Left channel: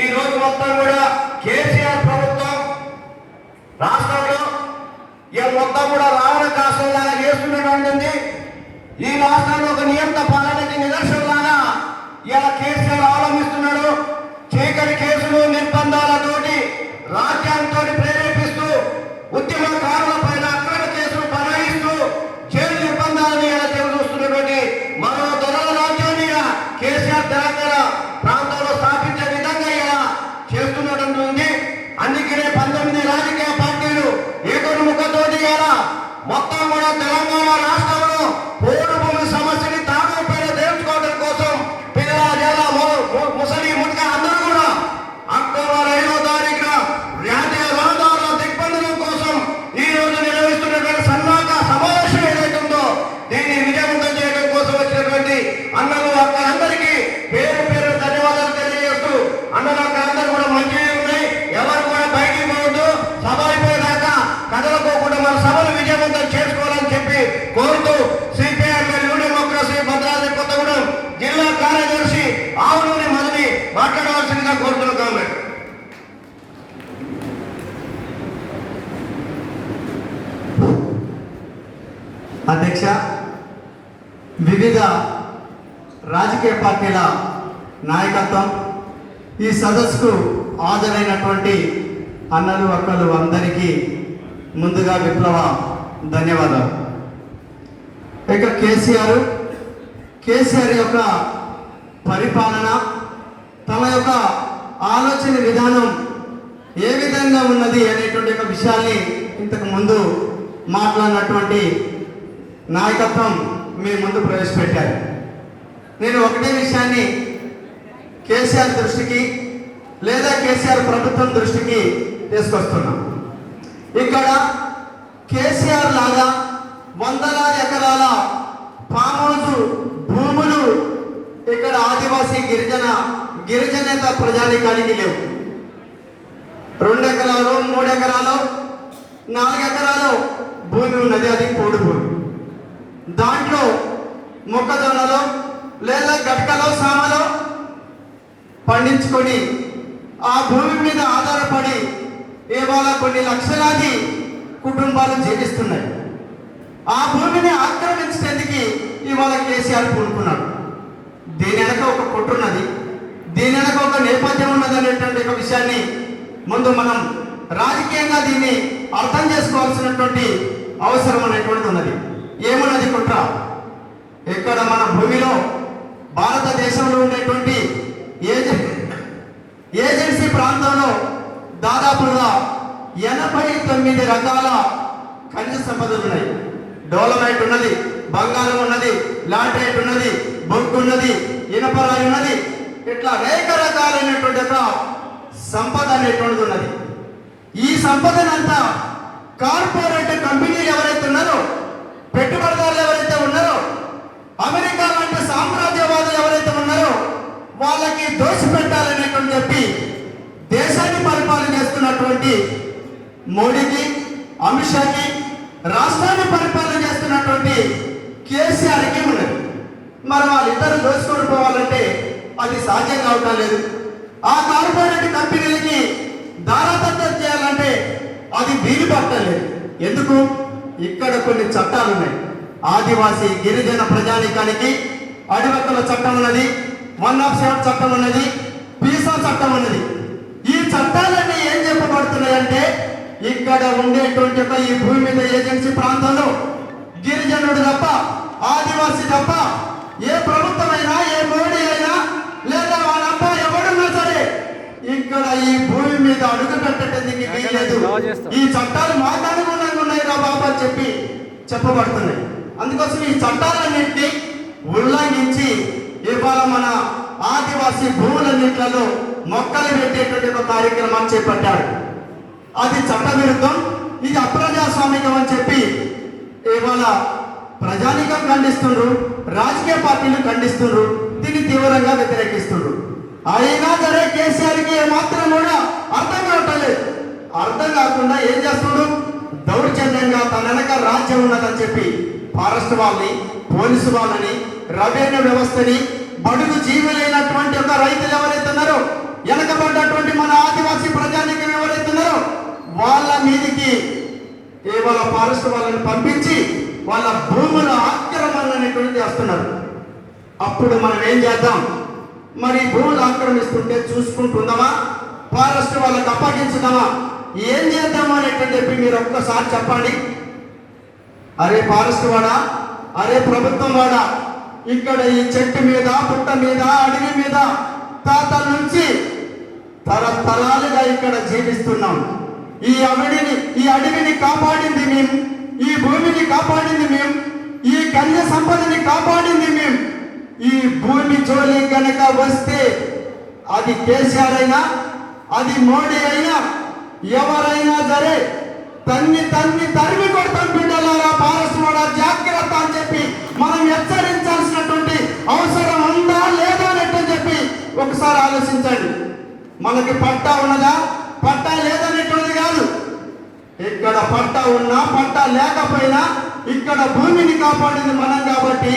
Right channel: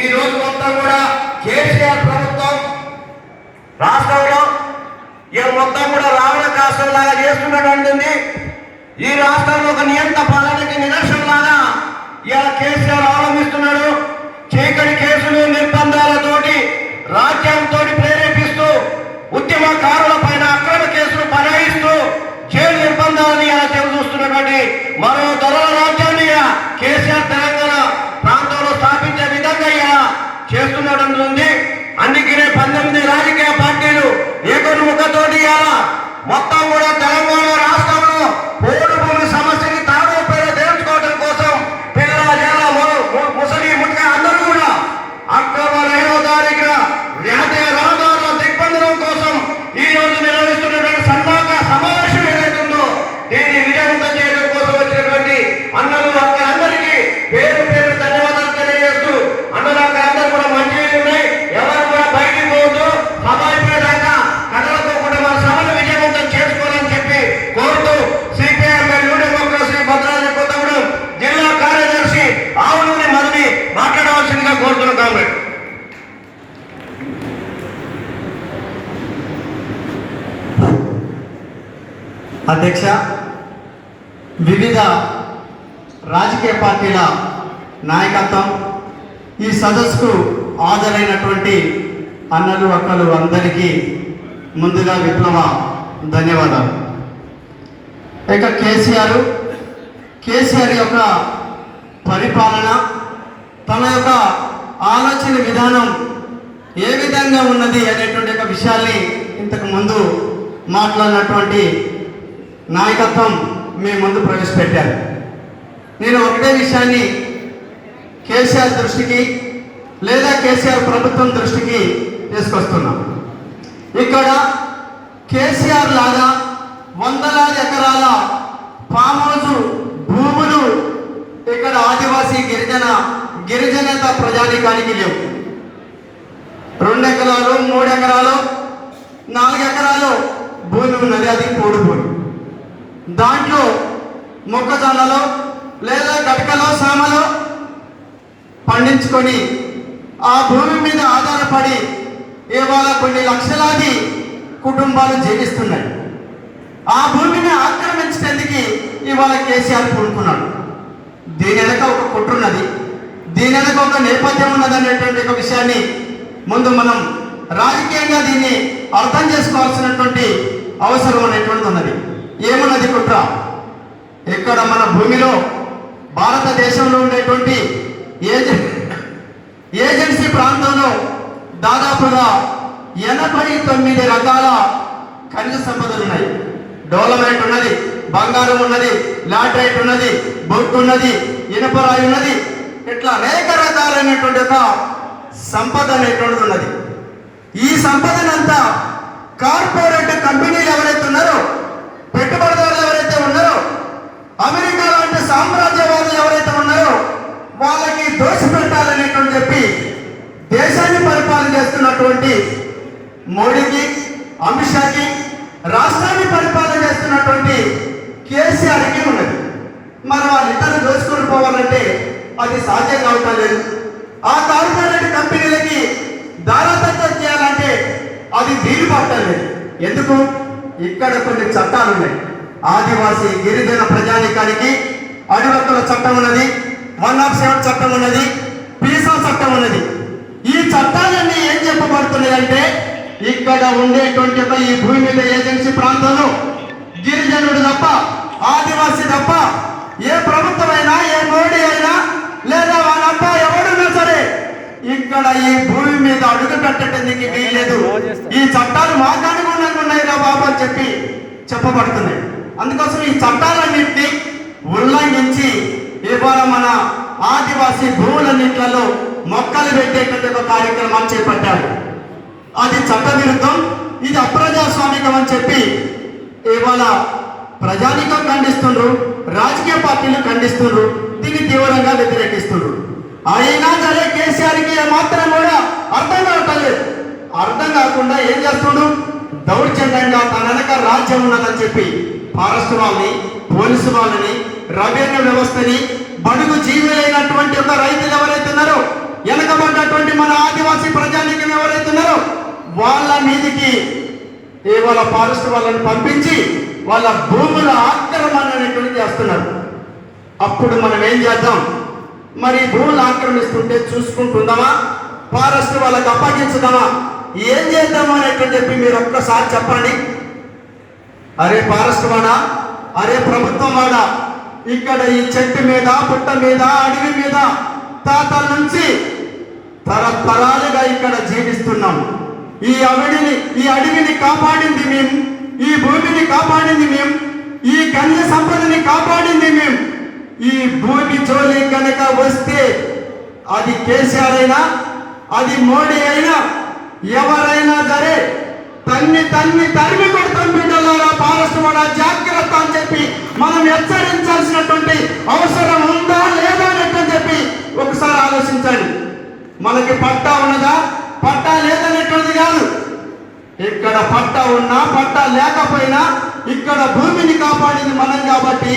ఈ రోజు మొత్తం కూడా కేసీఆర్ ప్రభుత్వం రాష్ట్రంలో ఈ మొత్తం కూడా రావణ కాష్టంలాగా చేస్తున్నట్టుంది. ఈ రాష్ట్రంలో ఒక నియంత పాలనకి నిరసనలాగా ఇలా కేసీఆర్ అవలంబిస్తున్నాడు. చీకటి కేసులు నిర్బంధాలతోటి రాజ్యాంగంతో ప్రేరేపిస్తూ ఉద్యమకారుల పైన అక్రమ కేసులు బనాయిస్తూ జైలు నిర్బంధాలని ఇలా చూస్తున్నటువంటి మరో దొరల రాజ్యాన్ని కేసీఆర్ తెలంగాణ ప్రాంతంలో స్థాపించే విధంగా ఇలా చేస్తున్నట్టుంది. అందుకనే 19 రాజకీయ పార్టీలు ఏకముఖతోటి ఇలా మొత్తం కూడా తెలంగాణ రాష్ట్రంలో పోడు భూమి సమస్యని తాగుపేట తెలుసుకోవడం కోసం పిల్ల జిల్లా ముసలి ముట్క అందరూ కూడా అక్టోబర్ 5వ తారీఖున జాతీయ రహదారుల దిగ్బంధనం కోసం ఈ రోజు నిర్వహిస్తున్నటువంటి సన్మాక సమావేశం ఏదైతుందో దీన్ని విజయవంతం చేయడం కోసం వచ్చినటువంటి అన్నలు అక్కలందరికీ పేరు పేరు ధన్యవాదాలు తెలియజేస్తూ అన్నలు అక్క అందరూ కూడా మంచిగా ఉన్నాయి. ఎవరు కూడా బయటికి పోవద్దు, సమాజపేదాకా కదలకోకుండా మన సభను విజయవంతం చేసుకోవాలని చెప్పి కోరుతూ సిపిఐ మరియు డెమోక్రసీ భద్రాద్రి కొత్తగూడెం జిల్లా కార్యదర్శి ఆవునూరి మధుని మాట్లాడవలసిందిగా కోరుతున్నాం. కాంగ్రెస్ అధ్యక్ష, వివిధ రాజకీయ పార్టీల నాయకత్వం, ఈ సదస్సుకు హాజరైనటువంటి అన్నలు అక్కలు అందరికీ ముందుగా విప్లవ ధన్యవాదాలు. ఇక కేసీఆర్ యొక్క పరిపాలన, తన యొక్క ఆలోచన విధానం ఏ విధంగా ఉన్నది అనేటువంటి ఒక విషయాల్ని ఇంతకు ముందు మాట్లాడినటువంటి నాయకత్వం మీ ముందు ప్రవేశపెట్టారు. నేను ఒకటే విషయాన్ని కేసీఆర్ దృష్టికి లేదా కేసీఆర్ ప్రభుత్వం దృష్టికి తీసుకొస్తున్నాను. ఇక్కడ కేసీఆర్ లాగా వందలాది ఎకరాల ఫామ్ హౌస్ భూములు ఇక్కడ ఆదివాసీ గిరిజనేత ప్రజానికానికి లేవు. 2 ఎకరాలు 3 ఎకరాలు 4 ఎకరాలు భూమి ఉన్నది, అది పోడు భూమి. దాంట్లో మొక్కజొన్నలో లేదా గటకలో సామలో పండించుకొని ఆ భూమి మీద ఆధారపడి ఇవాళ కొన్ని లక్షలాది కుటుంబాలు జీవిస్తున్నాయి. ఆ భూమిని ఆక్రమించడానికి ఇవాళ కేసీఆర్ పూనుకున్నాడు. దీని వెనక ఒక కుట్రున్నది, దీని వెనక ఒక నేపథ్యం ఉన్నది అనేటువంటి ఒక విషయాన్ని ముందు మనం రాజకీయంగా దీన్ని అర్థం చేసుకోవాల్సినటువంటి అవసరం అనేటువంటి ఉన్నది. ఏమున్నది కుట్ర? ఇక్కడ మన భూమిలో భారతదేశంలో ఉండేటువంటి ఏజెన్సీ ప్రాంతంలో దాదాపుగా 89 రకాల ఖనిజ సంపదలు ఉన్నాయి. డెవలప్మెంట్ ఉన్నది, బంగారం ఉన్నది, లాటరైట్ ఉన్నది, బొగ్గు ఉన్నది, ఇనుపరాయి ఉన్నది, ఇట్లా అనేక రకాలైనటువంటి ఒక సంపద అనేటువంటిది ఉన్నది. ఈ సంపదనంతా కార్పొరేట్ కంపెనీలు ఎవరైతే ఉన్నారో, పెట్టుబడిదారులు ఎవరైతే ఉన్నారో, అమెరికా లాంటి సామ్రాజ్యవాదులు ఎవరైతే ఉన్నారో వాళ్ళకి దోషపెట్టాలనేటువంటి చెప్పి దేశాన్ని పరిపాలన చేస్తున్నటువంటి మోడీకి, అమిత్ షాకి, రాష్ట్రాన్ని పరిపాలన చేస్తున్నటువంటి కేసీఆర్కి ఉన్నది. మరి వాళ్ళిద్దరు దోచుకొని పోవాలంటే అది సాధ్యం కావటం లేదు. ఆ కార్పొరేట్ కంపెనీలకి దారాదత్తం చేయాలంటే అది వీలు పట్టలేదు. ఎందుకు? ఇక్కడ కొన్ని చట్టాలు ఉన్నాయి. ఆదివాసీ గిరిజన ప్రజానికానికి అడివక్కల చట్టం ఉన్నది, 107 చట్టం ఉన్నది, పీసా చట్టం ఉన్నది. ఈ చట్టాలన్నీ ఏం చెప్పబడుతున్నాయంటే ఇక్కడ ఉండేటువంటి ఈ భూమి మీద ఏజెన్సీ ప్రాంతంలో గిరిజనుడు తప్ప, ఆదివాసీ తప్ప ఏ ప్రభుత్వమైనా, ఏ మోడీ అయినా లేదా వాళ్ళంతా ఎవరున్నా సరే ఇక్కడ ఈ భూమి మీద అడుగు పెట్టడానికి వీలేదు. ఈ చట్టాలు మాట్లాడుకున్నాక ఉన్నాయి రా బాబు అని చెప్పి చెప్పబడుతున్నాయి. అందుకోసం ఈ చట్టాలన్నింటినీ ఉల్లంఘించి ఇవాళ మన ఆదివాసీ భూములన్నింటిలో మొక్కలు పెట్టేటువంటి ఒక కార్యక్రమాన్ని చేపట్టారు. అది చట్ట విరుద్ధం, ఇది అప్రజాస్వామికం అని చెప్పి ఇవాళ ప్రజానికం ఖండిస్తున్నారు, రాజకీయ పార్టీలు ఖండిస్తున్నారు, దీన్ని తీవ్రంగా వ్యతిరేకిస్తున్నారు. అయినా సరే కేసీఆర్కి ఏమాత్రం కూడా అర్థం కావట్లేదు. అర్థం కాకుండా ఏం చేస్తున్నాడు? దౌర్జన్యంగా తన వెనక రాజ్యం ఉన్నదని చెప్పి ఫారెస్ట్ వాళ్ళని, పోలీసు వాళ్ళని, రెవెన్యూ వ్యవస్థని, బడుగు జీవులైనటువంటి ఒక రైతులు ఎవరైతే ఉన్నారో, వెనకబడ్డ ఇవాళ ఫారెస్ట్ వాళ్ళని పంపించి వాళ్ళ భూముల ఆక్రమణ అనేటువంటి చేస్తున్నారు. అప్పుడు మనం ఏం చేద్దాం? మరి భూములు ఆక్రమిస్తుంటే చూసుకుంటుందామా? ఫారెస్ట్ వాళ్ళకి అప్పగించుదామా? ఏం చేద్దామా అనేటువంటి చెప్పి మీరు ఒక్కసారి చెప్పండి. అరే ఫారెస్ట్ వాడా, అరే ప్రభుత్వం వాడా, ఇక్కడ ఈ చెట్టు మీద, పుట్ట మీద, అడవి మీద తాతల నుంచి తరతరాలుగా ఇక్కడ జీవిస్తున్నాం. ఈ అడవిని కాపాడింది మేము, ఈ భూమిని కాపాడింది మేము, ఈ కన్య సంపదని కాపాడింది మేము. ఈ భూమి జోలి కనుక వస్తే అది కేసీఆర్ అయినా, అది మోడీ అయినా, ఎవరైనా సరే తరిమి కొడతాం బిడ్డలారా. ఫారెస్ట్ కూడా జాగ్రత్త అని చెప్పి మనం హెచ్చరించాల్సినటువంటి అవసరం ఉందా లేదా అని చెప్పి ఒకసారి ఆలోచించండి. మనకి పట్టా ఉన్నదా, పట్టా లేదనేటువంటిది కాదు. ఇక్కడ పట్టా ఉన్నా పట్టా లేకపోయినా ఇక్కడ భూమిని కాపాడింది మనం కాబట్టి,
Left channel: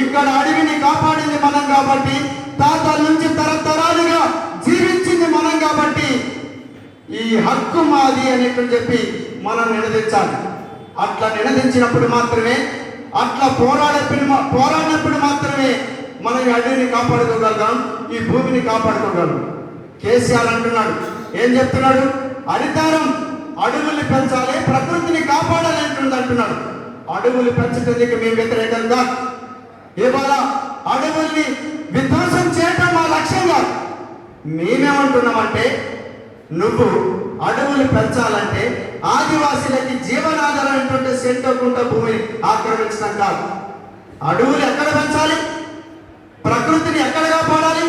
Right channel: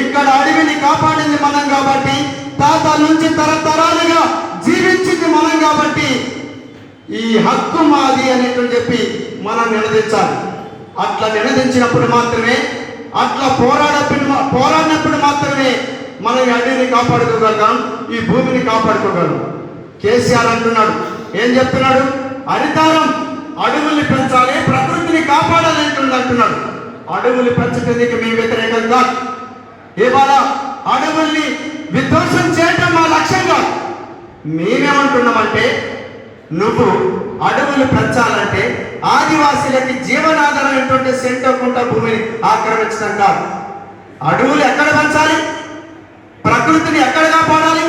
ఇక్కడ అడవిని కాపాడింది మనం కాబట్టి, తాతల నుంచి తరతరాలుగా జీవించింది మనం కాబట్టి ఈ హక్కు మాది అనేటువంటి చెప్పి మనం నినదించాలి. అట్లా నినదించినప్పుడు మాత్రమే, అట్లా పోరాడినప్పుడు మాత్రమే మనం ఈ అడవిని కాపాడుకోగలం, ఈ భూమిని కాపాడుకోగలం. కేసీఆర్ అంటున్నాడు, ఏం చెప్తున్నాడు? హరితారం, అడవుల్ని పెంచాలి, ప్రకృతిని కాపాడాలి అంటున్నాడు. అడవులు పెంచడానికి మేము వ్యతిరేకంగా, ఇవాళ అడవుల్ని విధ్వంసం చేయటం మా లక్ష్యంగా. మేమేమంటున్నామంటే, నువ్వు అడవులు పెంచాలంటే ఆదివాసీలకి జీవనాధారమైనటువంటి సెంటర్కుంట భూమిని ఆక్రమించడం కాదు. అడవులు ఎక్కడ పెంచాలి, ప్రకృతిని ఎక్కడ కాపాడాలి?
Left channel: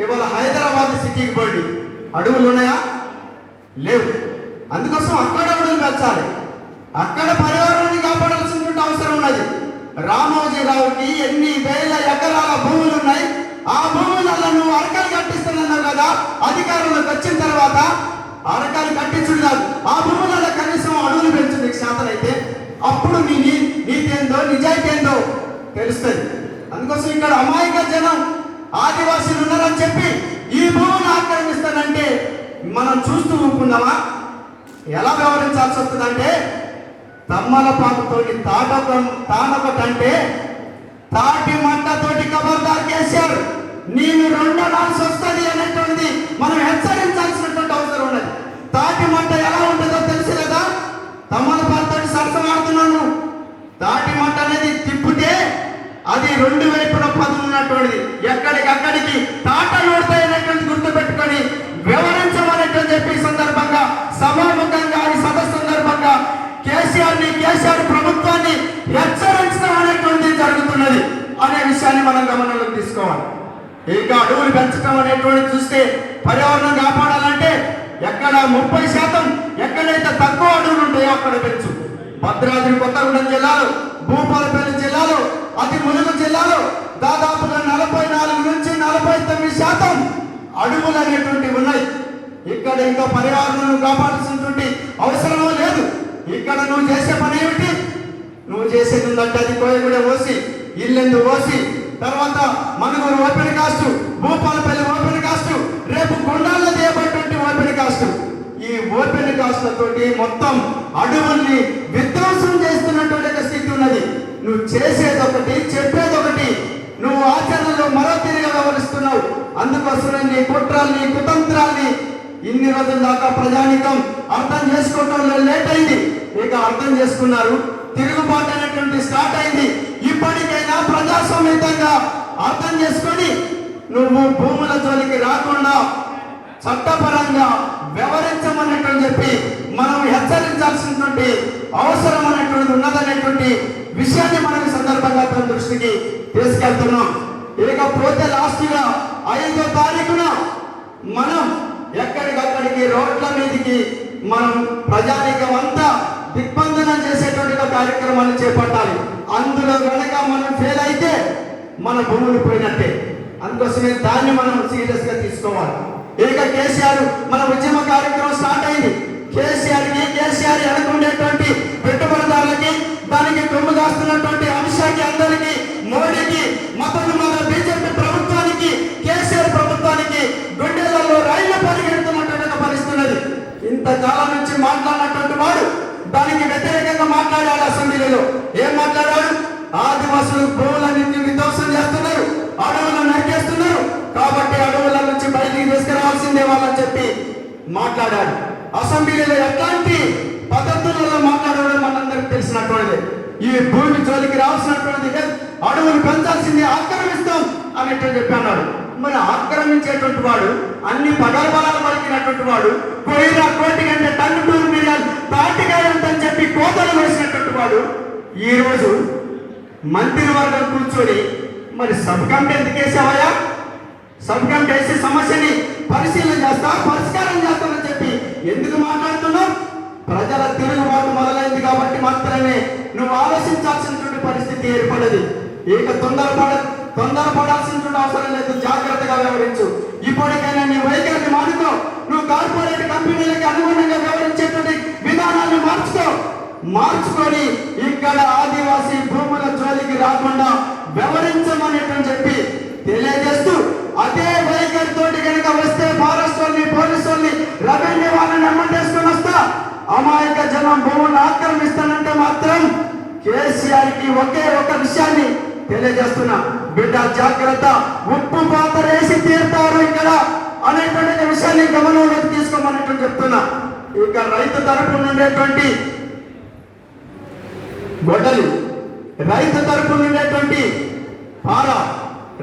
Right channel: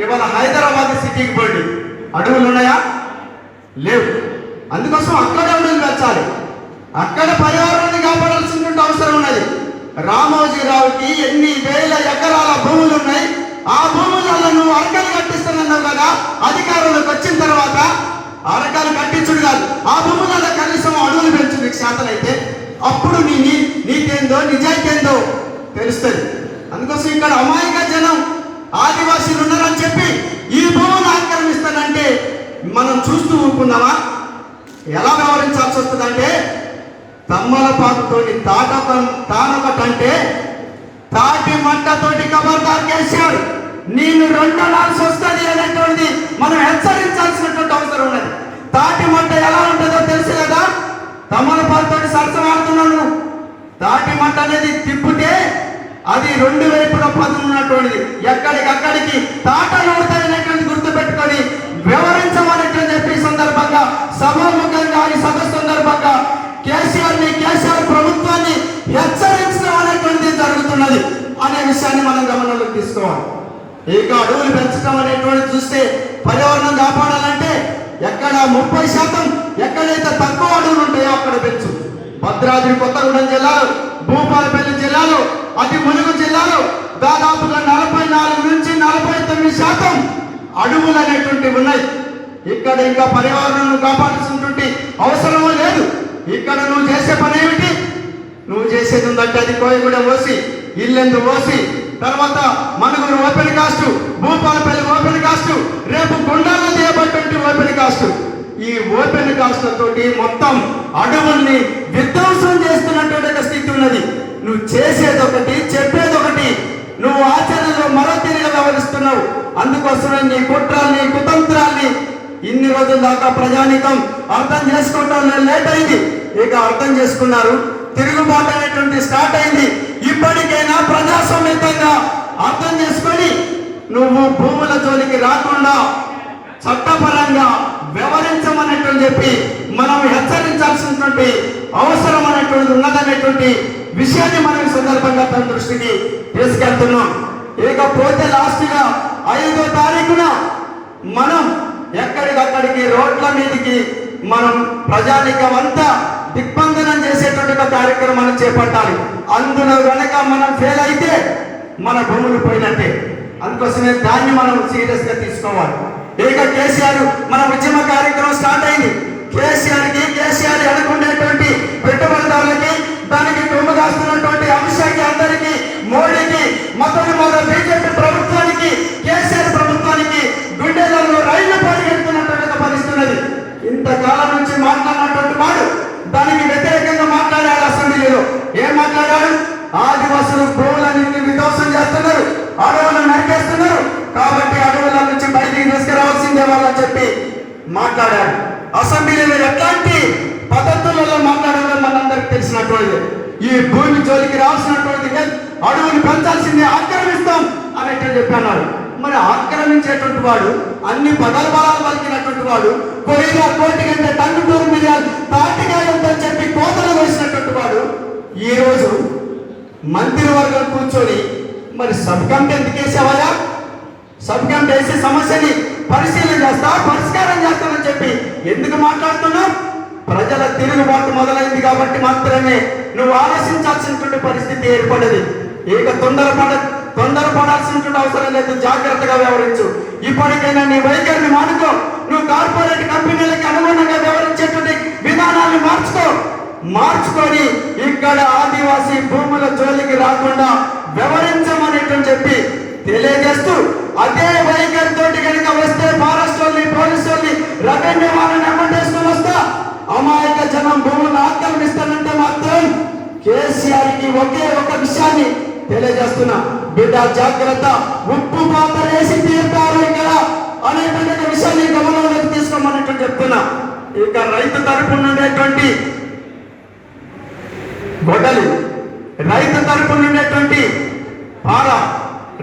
ఇవాళ హైదరాబాద్ సిటీకి పోండి, అడవులు ఉన్నాయా? లేవు. అందుకోసం అక్కడ అడవులు పెంచాలి, అక్కడ పర్యావరణాన్ని కాపాడాల్సిన అవసరం ఉన్నది. రామోజీరావుకి ఎన్ని వేల ఎకరాల భూములు ఉన్నాయి. ఆ భూములలో నువ్వు అరకలు కట్టిస్తున్నావు కదా, అధికారంలోకి వచ్చిన తర్వాత అరకలు కట్టించుడు కాదు, ఆ భూములలో కనీసం అడవులు పెంచు నీకు శాతనైతే. అప్పుడు నీ నీతేందో నిజాయితీ ఏందో తెలుస్తుంది. అందుకోసం ఇక్కడ అమాయక జనం ఆదివాసీలు ఉన్నారని చెప్పి ఈ భూములు ఆక్రమిస్తానంటే మనం చూస్తూ ఊరుకున్నామా? ఎలా వ్యవహరించాల్సి వస్తుందంటే, తమ్మలపాకుతోటి తానొకటంటే తాటి మంటతోటి ఖబర్దార్ కేసీఆర్ నేను రెండనాల్సి వస్తుంది అనేటువంటి మనం హెచ్చరించాల్సినటువంటి అవసరం ఉన్నది. తాటి మంట ఎలా ఉంటుందో తెలుసు కదా, తమ్మలపాకుతోటి సరసమాడుతున్నాను. తాటి మంట అనేది తిప్పితే అది రెండు వైపుల పదులు ఉన్నటువంటిది, ఎక్కడికక్కడికి తాటలు పడతాయనేటువంటి గుర్తు పెట్టుకొని వివరించమనేటువంటి చెప్పి సందర్భంగా సభాముఖంగా ఈ సదస్సు సందర్భంగా కేసీఆర్ ప్రభుత్వాన్ని హెచ్చరించడం అనేటువంటిది జరుగుతున్నది అనే విషయాన్ని మనం గమనంలోకి తీసుకోవాలి. ఇక అడవులు పెంచడం అనేటువంటి చూస్తే పర్యావరణం కాపాడాలంటే ఎక్కడ 30% ఎక్కడైతే తక్కువ అడవులు ఉంటాయో అక్కడ పెంచు. భద్రాద్రి కొత్తగూడెం జిల్లాలో, భూపాలపల్లి జిల్లాలో, అతి ములుగు జిల్లాలో దాదాపుగా 44 నుంచి 49% అడవులు అనేటువంటివి ఉన్నాయి. ఇక్కడ ఇంకా పర్యావరణం కాపాడాల్సినటువంటి అవసరం లేదు. ఇక్కడ నువ్వు చేసే పని ఏమిటి? నువ్వు చేసేది ఉందంటే అది కోయగూడెం ఓసి, ఇల్లెందు ఓసి, తర్వాత Manuguru open cast, Bhupalpally open cast, రేపు గుండాలో తీయబడినటువంటి ఓపెన్ కాస్ట్. ఈ ఓపెన్ కాస్ట్లతోటి మొత్తం అడవుల్ని విధ్వంసం చేస్తున్నటువంటి స్థితి ఉన్నది. నువ్వు చేసేదొకటి, చెప్పేదొకటి, నువ్వు ఆచరణలో మరో తీరుగా వ్యవహరిస్తున్నావు. అందుకోసమే నీ కుట్రల్ని, కుతంత్రాల్ని ఇన్ని రోజుల దాకా ప్రజానికం అర్థం చేసుకోవడం లేట్ అయింది. ఇక అర్థం చేసుకున్నారు, తిరుగుబాటు అనేటువంటి స్టార్ట్ అయింది. ఇప్పటికైనా ప్రజాస్వామ్యంగా అర్థం చేసుకొని నువ్వు భూముల జోలికి రాకుండా చట్టపరంగా వ్యవహరించమనేటువంటి చెప్పి మనం హెచ్చరించాల్సినటువంటి అవసరం అనేటువంటి ఉన్నదనేటువంటి విషయాన్ని మనం సందర్భంగా తన దృష్టికి తీసుకెళ్తున్నాం. ఇకపోతే లాస్ట్గా 5వ తారీఖున మనం ఎక్కడికక్కడికి రోడ్ల మీదకి మనం ప్రజానికం అంతా దిగ్బంధనం చేసేటువంటి కార్యక్రమాలు చేపట్టాలి. అందులో కనుక మనం ఫెయిల్ అయితే మన భూములు పోయినట్టే. అందుకోసమే దాన్ని మనం సీరియస్ గా తీసుకోవాలి. ఇక కేసీఆర్ మన ఉద్యమ కార్యక్రమం స్టార్ట్ అయింది. కేసీఆర్ అనుకునేటువంటి పెట్టుబడిదారులకి, దానికి కొమ్ము కాస్తున్నటువంటి అంశానికి, అందరికీ, మోడీకి, మొదటి బీజేపీ ప్రభుత్వానికి, కేసీఆర్ ప్రభుత్వానికి గుండెలలో రైళ్లు పరిగెడుతున్నటువంటి పరిస్థితున్నది. ఇంతకాలం నుంచి మాట్లాడినటువంటి వాడు దానికి వ్యతిరేకంగా ఈరోజు భూములన్నింటినీ విధ్వంసం చేస్తున్నారు, అడవులను నరికేస్తున్నారు. కాబట్టి అడవుల నుంచి బయటికి తీసుకురావాల్సిందే వాళ్ళని చెప్పి మాట్లాడారు. అసెంబ్లీలో ఎట్లాంటి పద్ధతులలో మాట్లాడాలో మనందరికి తెలిసినటువంటి ఈ భూమి జోలికి రావాల్సినటువంటి అడవులు పెంచాల్సిందే, ఆక్రమిస్తాం అనేటువంటి చెప్పన్నారు. మరి ఆక్రమించేటువంటి వాడు అన్ని పగలబలాలు పలికినటువంటి వాడు పోయిన కోటి కంటే టన్ను 2 మిలియన్ తాటికాయంతని చెప్పి కోతలు వేసినటువంటి వాడు ఈ రోజు మంత్రివర్గం కూర్చొని మరి సబ్ కమిటీ ఎందుకు వేసావయ్యా? సబ్ కమిటీ వేసి సమస్యని పరిశీలన చేస్తా, పరిష్కారం చేస్తామని చెప్పి ఎందుకు మాట్లాడుతున్నావు? ప్రజల తిరుగుబాటు మొదలైంది కాబట్టి మాత్రమే నువ్వు ఆలోచించాల్సినటువంటి పరిస్థితి ఏర్పడదు. ఇక తొందరపడాల్సినటువంటి అవసరం లేదు, జాగ్రత్తగా వ్యవహరించు. ఇప్పటికైనా నీ వైఖరిని మానుకో. నువ్వు కార్పొరేట్ కంపెనీలకి అనుగుణంగా వ్యవహరించేటువంటి విధానాన్ని మార్చుకొని ఇక్కడ ఆదివాసీ భూముల జోలికి రాకుండా వ్యవహరించమనేటువంటి చెప్పి తెలియజేస్తూ, అదే వైఖరితోటి కనుక వస్తే ఫారెస్ట్ వాళ్ళని, పోలీసు వాళ్ళని, రెవెన్యూ వాళ్ళని అమ్మటేసుకొని వస్తా అమాయక జనం భూములను ఆక్రమిస్తానంటే మాత్రం కేసీఆర్కి ఒకే ఒక విషయాన్ని తెలియజేస్తున్నా, బిడ్డ జాగ్రత్త, ఉప్పు పాత్ర వేసి తీరుతారు ఇక్కడ అనేటువంటి విషయాన్ని గమనంలోకి తీసుకోమనేటువంటి చెప్తున్నా. ఇక రైతు తరపున ఉండేటువంటి గొడ్డలి, రైతు తరపున ఉండేటువంటి పార,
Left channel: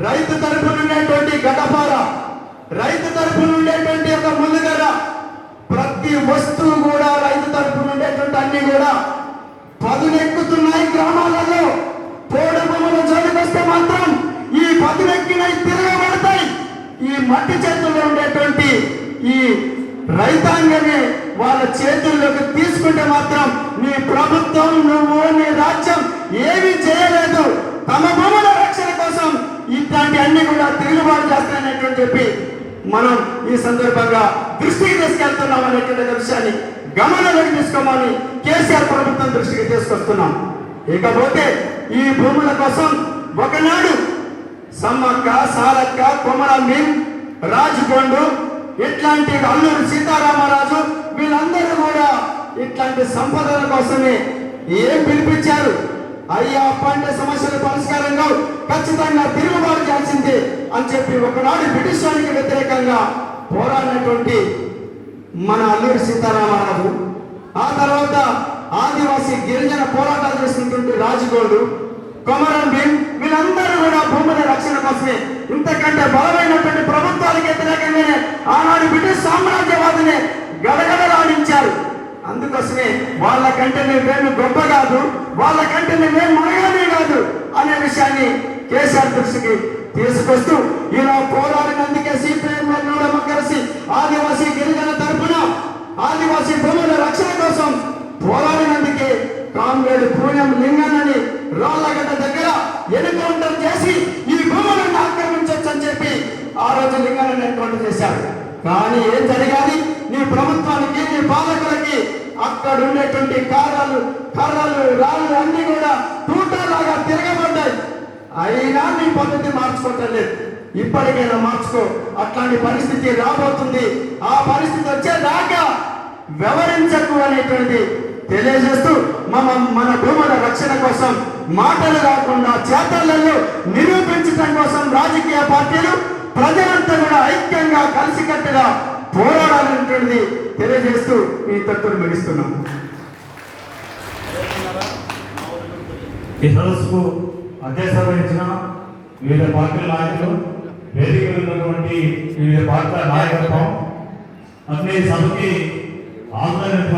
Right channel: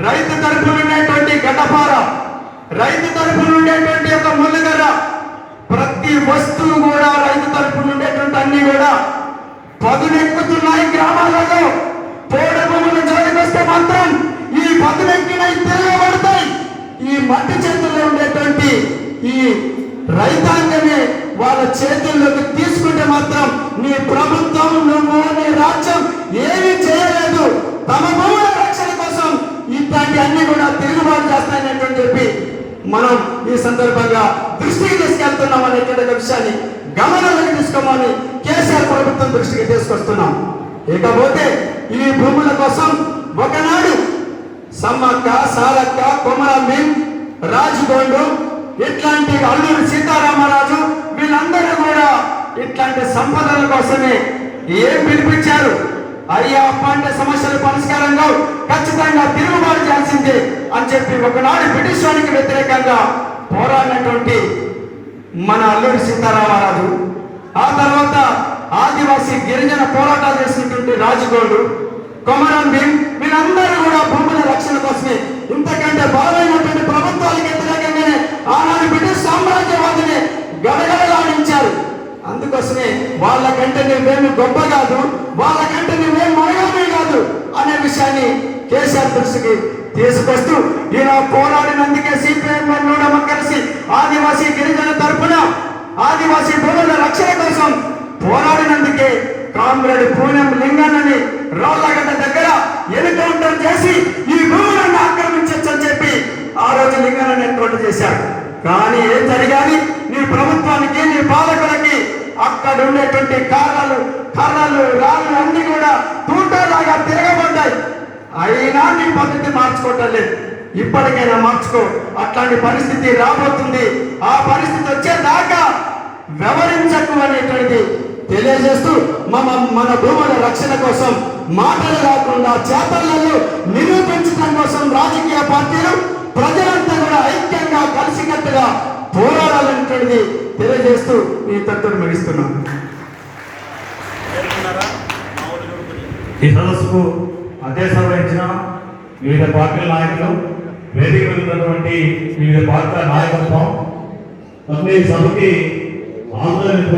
రైతు తరపున ఉండేటువంటి గడ్డపార, రైతు తరపున ఉండేటువంటి ఒక ములుగర, ప్రతి వస్తువు కూడా రైతు తరపున ఉండేటువంటి అన్ని కూడా పదునెక్కుతున్నాయి. గ్రామాలలో పోడు భూముల జోలికి వస్తే మాత్రం ఈ పదునెక్కినవి తిరగబడతాయి. ఈ మట్టి చేతుల్లో ఉండేటువంటి ఈ రైతాంగమే వాళ్ళ చేతుల్లోకి తీసుకుంటే మాత్రం నీ ప్రభుత్వం, నువ్వు, నీ రాజ్యం ఏమీ చేయలేదు. తమ భూముల రక్షణ కోసం ఇట్లాంటి అన్ని కూడా తిరుగుబాటు చేస్తాయని చెప్పి మనం ఈ సందర్భంగా దృష్టికి తీసుకెళ్తున్నాం అనేటువంటి విషయాన్ని గమనంలోకి తీసుకోమని కేసీఆర్ ప్రభుత్వం దృష్టికి తీసుకొస్తున్నాం. ఇకపోతే ఈ భూముల కోసం ఒకనాడు సమ్మక్క, సారక్క, కొమరం, రాజుగొండు, ఇట్లాంటి అల్లూరి సీతారామరాజు వీళ్ళందరూ కూడా ఇట్లాంటి సంపదల కోసమే ఏం పిలిపించారు? అయ్యా పంట సమస్యల పరిష్కారంగా ఖచ్చితంగా తిరుగుబాటు చేయాల్సిందే అని చెప్పి ఒకనాడు బ్రిటిష్ వారికి వ్యతిరేకంగా పోరాడినటువంటి మన అల్లూరి సీతారామరాజు, ఆ తర్వాత ఆదివాసీ గిరిజన పోరాటాలు చేసినటువంటి రాజుగోడు, కొమరం భీం వీళ్ళందరూ కూడా భూముల రక్షణ కోసమే ఇంతకంటే బలమైనటువంటి ప్రభుత్వాలకు వ్యతిరేకంగానే ఆనాడు బ్రిటిష్ సామ్రాజ్యవాదులే గడగడలాడించారు. అందుకోసమే వాళ్ళకంటే నువ్వేమి గొప్ప కాదు, వాళ్ళకంటే నువ్వేం మనగానే కాదు అనే విషయాన్ని కేసీఆర్ దృష్టికి తీసుకొస్తూ ఈయన పోరాడినందుకే సిపిఎం కలిసి ఆదివాసీ గిరిజన తరపున ఆదివాసీ భూముల రక్షణ కోసం పోరాడినందుకే కామ్రేడ్ పూనెం లింగన్నని రాళ్ళగడ్డ దగ్గర ఎన్కౌంటర్ చేసి ఈ భూములను ఆక్రమించొచ్చు అని చెప్పి ఆ రోజు లింగన్నని ఎన్కౌంటర్ చేశాడు. కానీ ఏం జరిగాలి? నీ ప్రభుత్వానికి, నీ పాలకులకి అక్కడ ఉండేటువంటి కర్రలు, రాళ్ళు అన్ని కూడా తూటాలాగా తిరగబడ్డాయి. అయినా నీ పద్ధతి మార్చుకోవటం లేదు. ఇప్పటికైనా మార్చుకో. అట్లాంటి పరిస్థితి రాబోతుంది. ఆ పరిస్థితి వచ్చేదాకా వ్యవహరించకు అనేటువంటి తెలియజేస్తూ మన భూముల రక్షణ కోసం మాటలు కాకుండా చేతలలో నిరూపించడం కోసం రాజకీయ పార్టీలు, ప్రజలంతా కూడా ఐక్యంగా కలిసికట్టుగా పోరాడాలనేటువంటిది తెలియజేస్తూ ఈ తత్వం ముగిస్తున్నాం. ఈ సదస్సుకు అధ్యక్షత వహించిన వివిధ పార్టీల నాయకులు, వేదిక ఉన్నటువంటి వివిధ పార్టీల నాయకత్వం, అన్ని సభకి ఆందోళన